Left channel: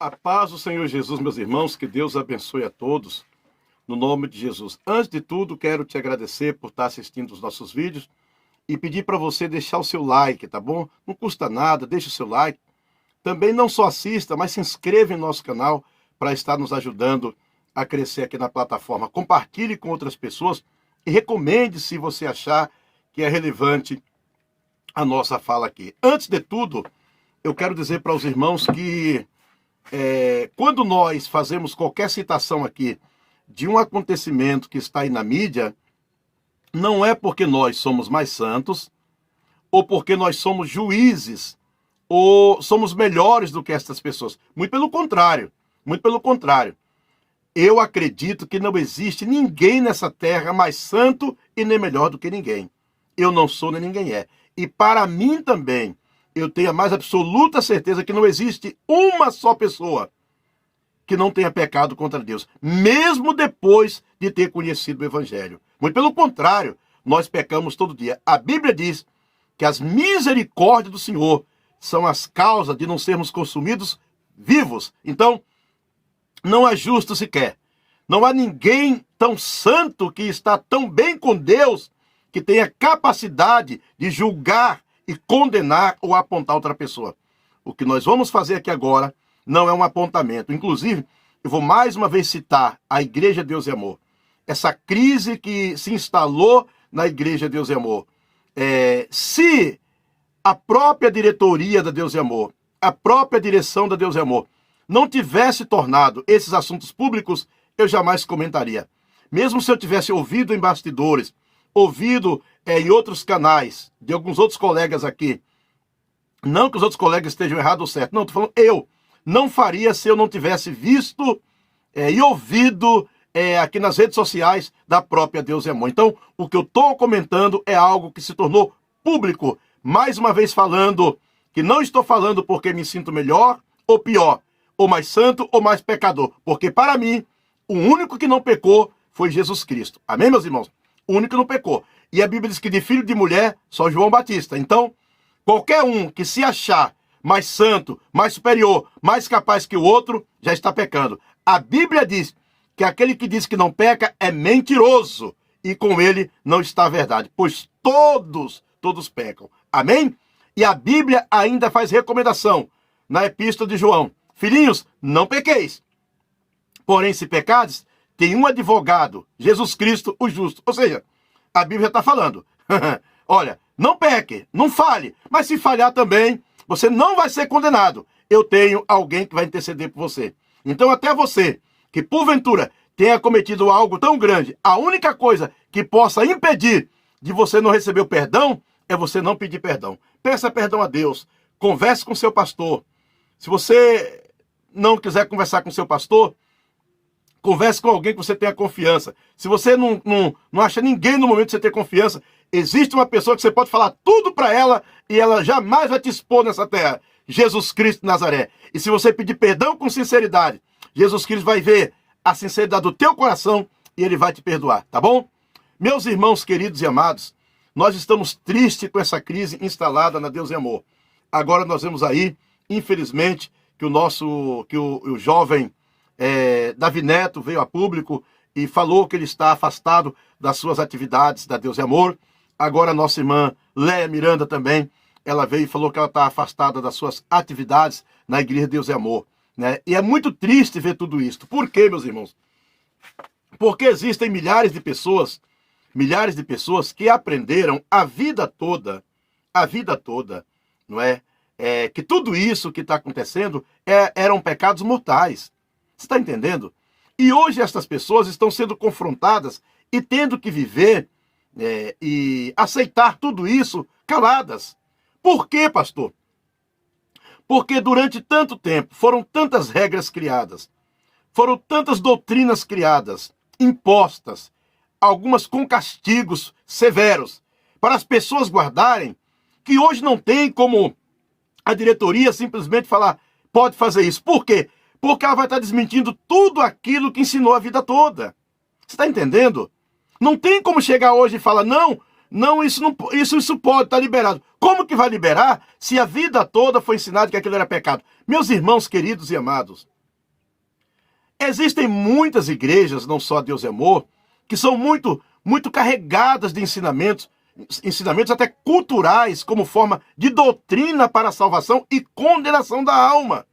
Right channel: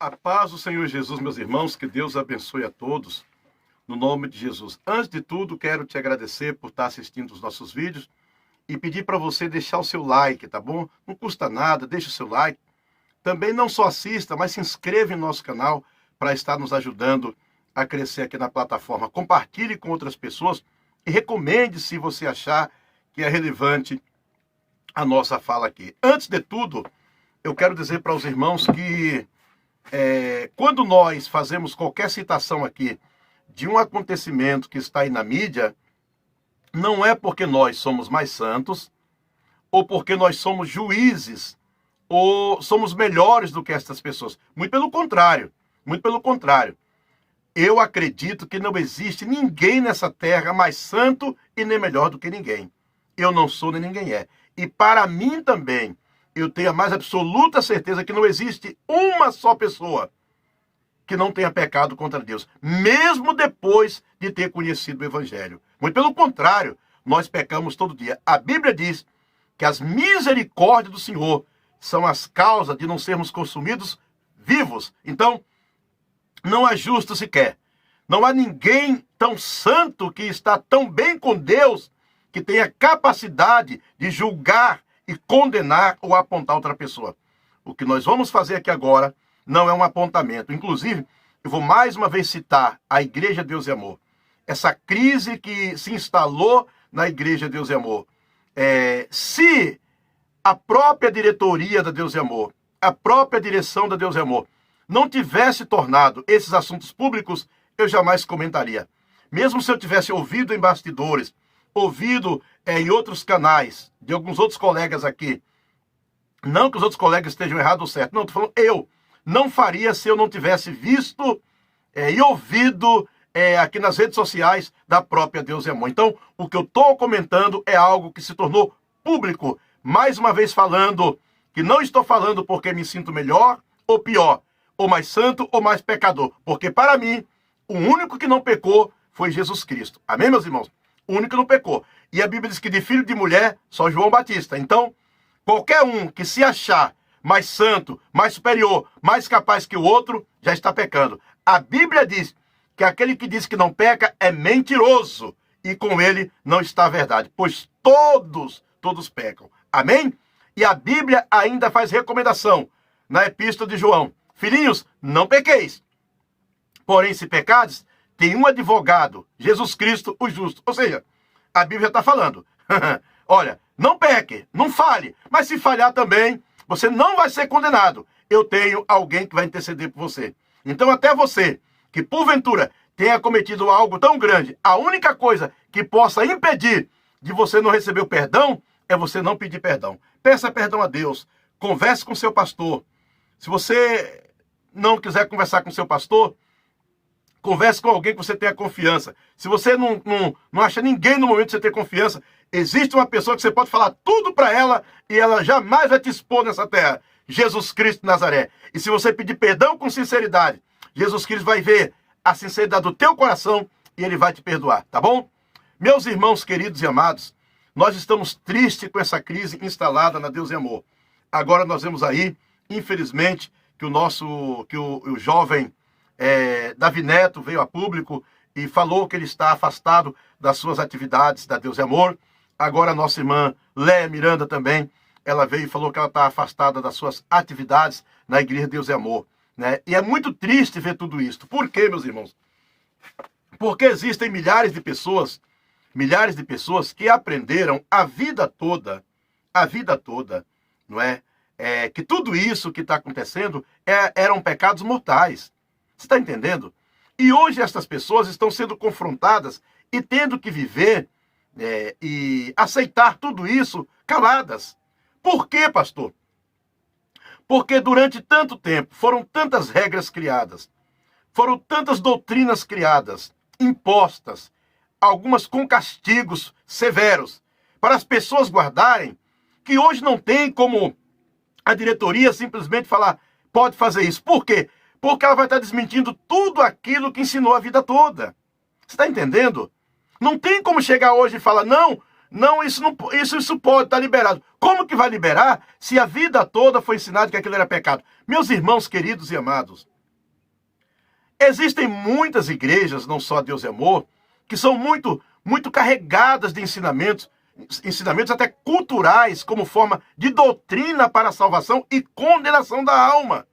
A paz do Senhor Jesus, meus irmãos, que Deus abençoe a todos, no nome de Jesus. Antes de tudo, quero te agradecer por estar assistindo os nossos vídeos e pedir para você deixar o seu like, tá bom? Não custa nada, deixa o seu like. Também não só assista, mas se inscreva em nosso canal para estar nos ajudando a crescer aqui na plataforma. Compartilhe com outras pessoas e recomende se você achar que é relevante a nossa fala aqui. Antes de tudo, eu quero dizer para os irmãos que quando nós fazemos qualquer citação aqui de um acontecimento que está aí na mídia, não é porque nós somos mais santos, ou porque nós somos juízes, ou somos melhores do que essas pessoas. Muito pelo contrário, muito pelo contrário. Eu acredito que não existe ninguém nessa terra mais santo e nem melhor do que ninguém. Eu não sou nem ninguém é. E para mim também, eu tenho a mais absoluta certeza que não existe uma só pessoa que não tenha pecado contra Deus, mesmo depois de ter conhecido o Evangelho. Muito pelo contrário, nós pecamos todo dia. A Bíblia diz que as misericórdias do Senhor são as causas de não sermos consumidos vivos. Então, não é justo sequer. Não há ninguém tão santo que está tão bem com Deus que tenha capacidade de julgar e condenar ou apontar outra pessoa. O que nós vamos fazer aqui agora não é um apontamento. Inclusive, eu vou mais uma vez citar a Igreja Deus e Amor. Essa crise que se instalou na Igreja Deus e Amor. Se a própria diretoria da Deus e Amor, a própria direção da Deus e Amor, não tivesse tornado esses assuntos públicos, eu jamais comentaria. Mesmo se eu tivesse ouvido em bastidores, ouvido em outros canais, de alguns outros colegas aqui, não que os outros colegas estejam errados ou certos, não, estou falando eu, não faria se eu não tivesse visto e ouvido aqui nas redes sociais da própria Deus e Amor. Então, o que eu estou comentando é algo que se tornou público. Mais uma vez falando que não estou falando porque me sinto melhor ou pior, ou mais santo ou mais pecador. Porque para mim, o único que não pecou foi Jesus Cristo. Amém, meus irmãos? O único que não pecou. E a Bíblia diz que de filho de mulher, só João Batista. Então, qualquer um que se achar mais santo, mais superior, mais capaz que o outro, já está pecando. A Bíblia diz que aquele que diz que não peca é mentiroso. E com ele não está a verdade. Pois todos pecam. Amém? E a Bíblia ainda faz recomendação na Epístola de João. Filhinhos, não pequeis. Porém, se pecardes, tem um advogado, Jesus Cristo, o justo. Ou seja, a Bíblia está falando. Olha, não peque, não fale. Mas se falhar também, você não vai ser condenado. Eu tenho alguém que vai interceder por você. Então, até você, que porventura tenha cometido algo tão grande, a única coisa que possa impedir de você não receber o perdão é você não pedir perdão. Peça perdão a Deus. Converse com seu pastor. Se você não quiser conversar com seu pastor, converse com alguém que você tenha confiança. Se você não acha ninguém no momento de você ter confiança, existe uma pessoa que você pode falar tudo para ela e ela jamais vai te expor nessa terra. Jesus Cristo de Nazaré. E se você pedir perdão com sinceridade, Jesus Cristo vai ver a sinceridade do teu coração e ele vai te perdoar, tá bom? Meus irmãos queridos e amados, nós estamos tristes com essa crise instalada na Deus e Amor. Agora nós vemos aí, infelizmente, que o jovem Davi Neto veio a público e falou que ele está afastado das suas atividades da Deus e Amor. Agora a nossa irmã Léa Miranda também, ela veio e falou que ela está afastada das suas atividades na Igreja Deus e Amor. Né? E é muito triste ver tudo isso. Por quê, meus irmãos? Porque existem milhares de pessoas que aprenderam a vida toda, não é? Que tudo isso que está acontecendo eram pecados mortais. Você está entendendo? E hoje estas pessoas estão sendo confrontadas e tendo que viver e aceitar tudo isso caladas. Por quê, pastor? Porque durante tanto tempo foram tantas regras criadas, foram tantas doutrinas criadas, impostas, algumas com castigos severos, para as pessoas guardarem, que hoje não tem como a diretoria simplesmente falar, pode fazer isso. Por quê? Porque ela vai estar desmentindo tudo aquilo que ensinou a vida toda. Você está entendendo? Não tem como chegar hoje e falar, não, Não, isso pode estar liberado. Como que vai liberar se a vida toda foi ensinado que aquilo era pecado? Meus irmãos queridos e amados, existem muitas igrejas, não só a Deus é Amor, que são muito carregadas de ensinamentos até culturais, como forma de doutrina para a salvação e condenação da alma.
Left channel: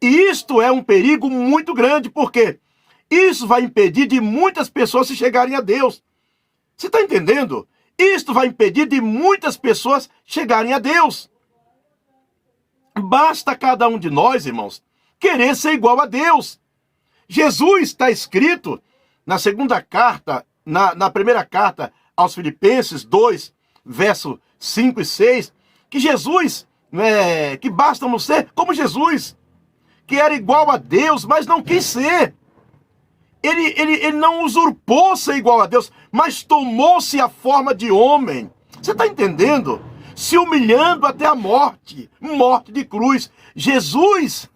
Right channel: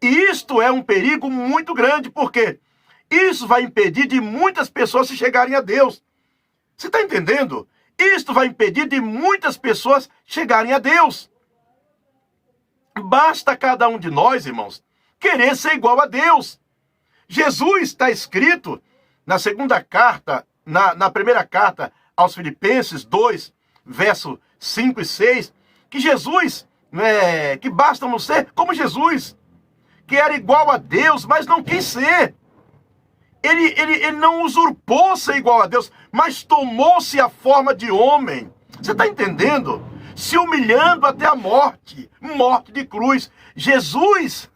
E isto é um perigo muito grande, porque isso vai impedir de muitas pessoas se chegarem a Deus. Você está entendendo? Isto vai impedir de muitas pessoas chegarem a Deus. Basta cada um de nós, irmãos, querer ser igual a Deus. Jesus, está escrito na segunda carta, na primeira carta aos Filipenses 2, verso 5 e 6, que Jesus, que basta ser como Jesus, que era igual a Deus, mas não quis ser. Ele não usurpou ser igual a Deus, mas tomou-se a forma de homem. Você está entendendo? Se humilhando até a morte de cruz. Jesus,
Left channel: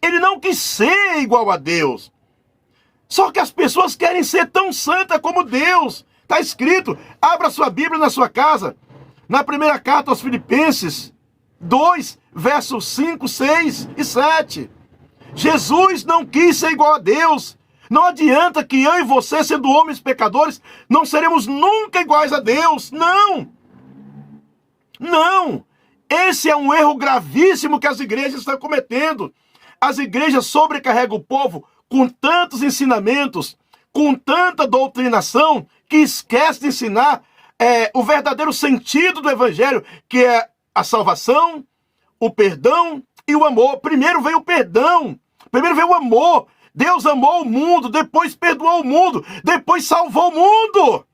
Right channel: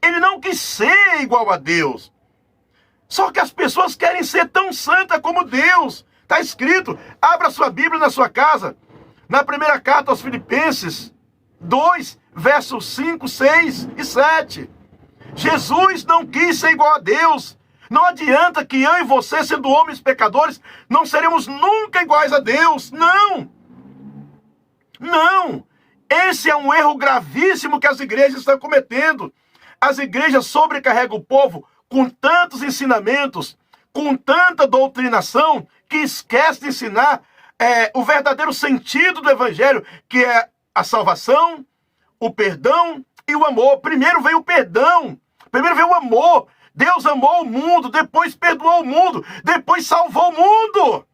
ele não quis ser igual a Deus. Só que as pessoas querem ser tão santa como Deus. Está escrito, abra sua Bíblia na sua casa, na primeira carta aos Filipenses 2, versos 5, 6 e 7. Jesus não quis ser igual a Deus. Não adianta que eu e você, sendo homens pecadores, não seremos nunca iguais a Deus. Não! Não! Esse é um erro gravíssimo que as igrejas estão cometendo. As igrejas sobrecarregam o povo com tantos ensinamentos, com tanta doutrinação, que esquece de ensinar o verdadeiro sentido do evangelho, que é a salvação, o perdão e o amor. Primeiro veio o perdão, primeiro veio o amor. Deus amou o mundo, depois perdoou o mundo, depois salvou o mundo.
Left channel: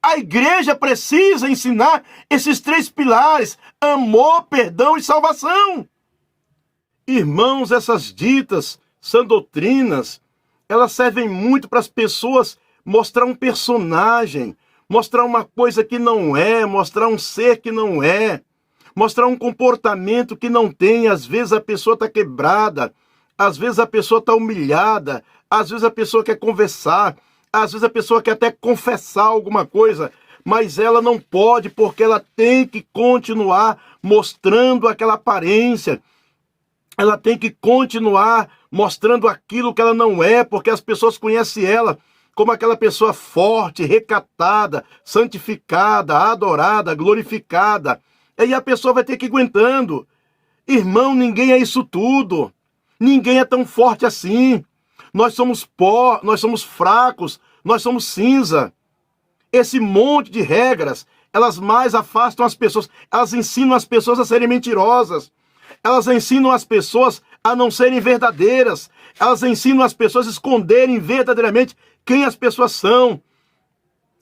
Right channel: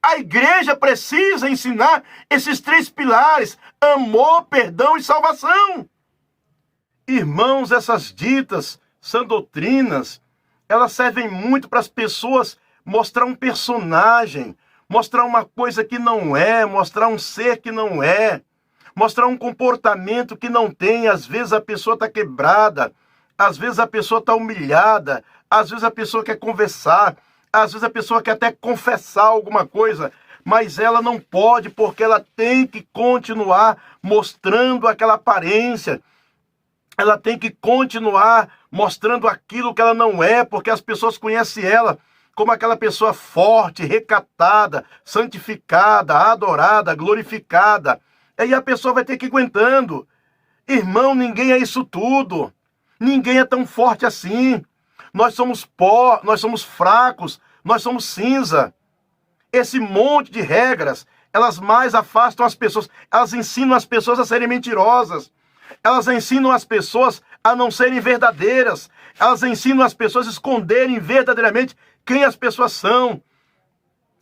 A igreja precisa ensinar esses três pilares: amor, perdão e salvação. Irmãos, essas ditas são doutrinas, elas servem muito para as pessoas mostrar um personagem, mostrar uma coisa que não é, mostrar um ser que não é, mostrar um comportamento que não tem. Às vezes a pessoa está quebrada, às vezes a pessoa está humilhada, às vezes a pessoa quer conversar, às vezes a pessoa quer até confessar alguma coisa, mas ela não pode, porque ela tem que continuar mostrando aquela aparência. Ela tem que continuar mostrando aquilo que ela não é, porque as pessoas conhecem ela como aquela pessoa forte, recatada, santificada, adorada, glorificada. Aí a pessoa vai ter que ir aguentando. Irmão, ninguém é isso tudo. Ninguém é tão forte assim. Nós somos pó, nós somos fracos, nós somos cinza. Esse monte de regras, elas mais afastam as pessoas. Elas ensinam as pessoas a serem mentirosas. Elas ensinam as pessoas a não serem verdadeiras. Elas ensinam as pessoas a esconderem verdadeiramente quem as pessoas são.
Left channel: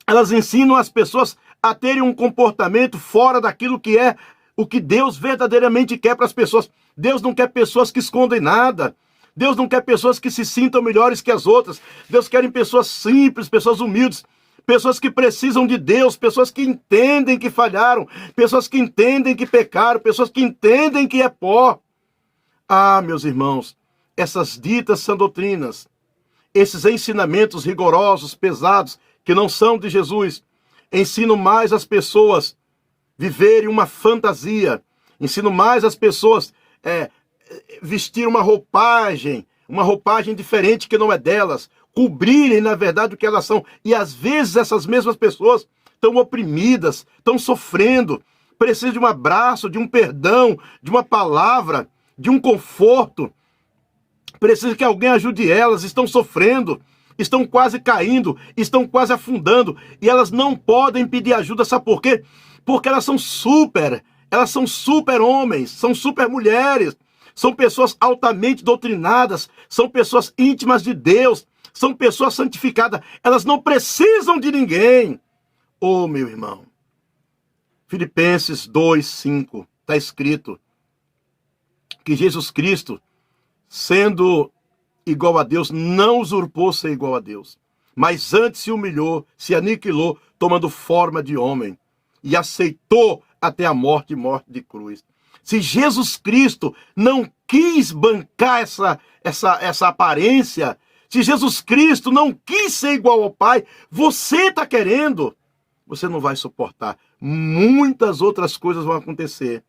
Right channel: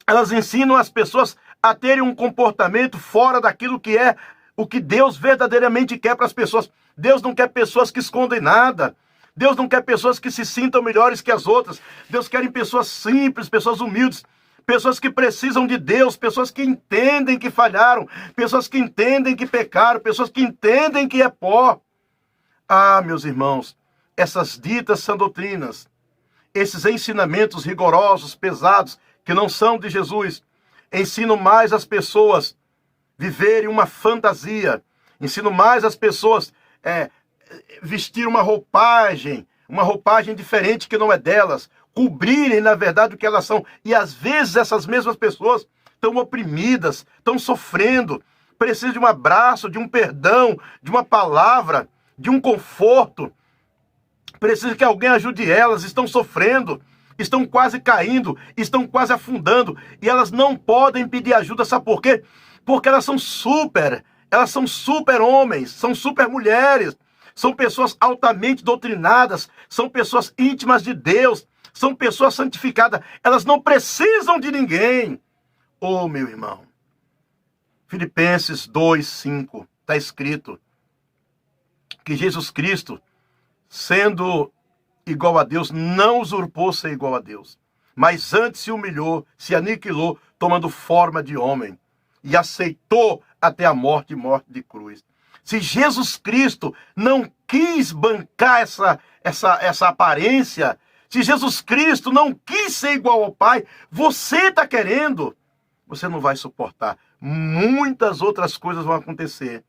Elas ensinam as pessoas a terem um comportamento fora daquilo que é o que Deus verdadeiramente quer para as pessoas. Deus não quer pessoas que escondem nada. Deus não quer pessoas que se sintam melhores que as outras. Deus quer pessoas simples, pessoas humildes, pessoas que precisam de Deus, pessoas que entendem que falharam, pessoas que entendem que pecaram, pessoas que entendem que é pó. Ah, meus irmãos, essas ditas são doutrinas, esses ensinamentos rigorosos, pesados, que não são de Jesus, ensinam mais as pessoas viverem uma fantasia, ensinam mais as pessoas vestir uma roupagem diferente que não é delas, cobrirem, na verdade, o que elas são. E às vezes essas mesmas pessoas estão oprimidas, estão sofrendo, precisam de um abraço, de um perdão, de uma palavra, de um conforto. Precisam que alguém ajude elas, estão sofrendo, estão quase caindo, estão quase afundando, e elas não podem pedir ajuda. Sabe por quê? Porque elas são super homens, são super mulheres, são pessoas altamente doutrinadas, são pessoas íntimas de Deus, são pessoas santificadas, elas não precisam de ninguém. Oh, meu irmão, Filipenses 2:5, está escrito que Jesus Cristo, sendo igual a Deus, não usurpou ser igual a Deus, mas antes se humilhou, se aniquilou, tomando forma de homem, e aceitou até a morte e morte de cruz. Se Jesus Cristo não quis bancar essa aparência, se Jesus Cristo não quis ser igual ao Pai, você está querendo. você não vai suportar. Muitas outras coisas vão acontecer.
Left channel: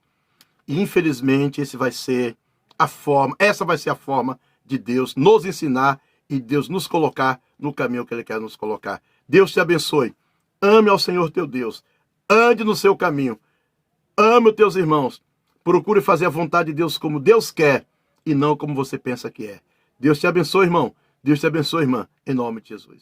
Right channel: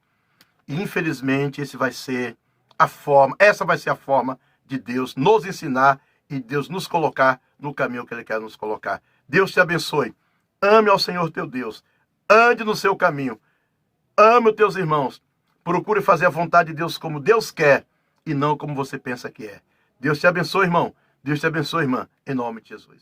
E infelizmente essa vai ser a forma de Deus nos ensinar e Deus nos colocar no caminho que Ele quer nos colocar. Deus te abençoe. Ame ao Senhor teu Deus. Ande no seu caminho. Ame os teus irmãos. Procure fazer a vontade de Deus como Deus quer e não como você pensa que é. Deus te abençoe, irmão. Deus te abençoe, irmã. Em nome de Jesus.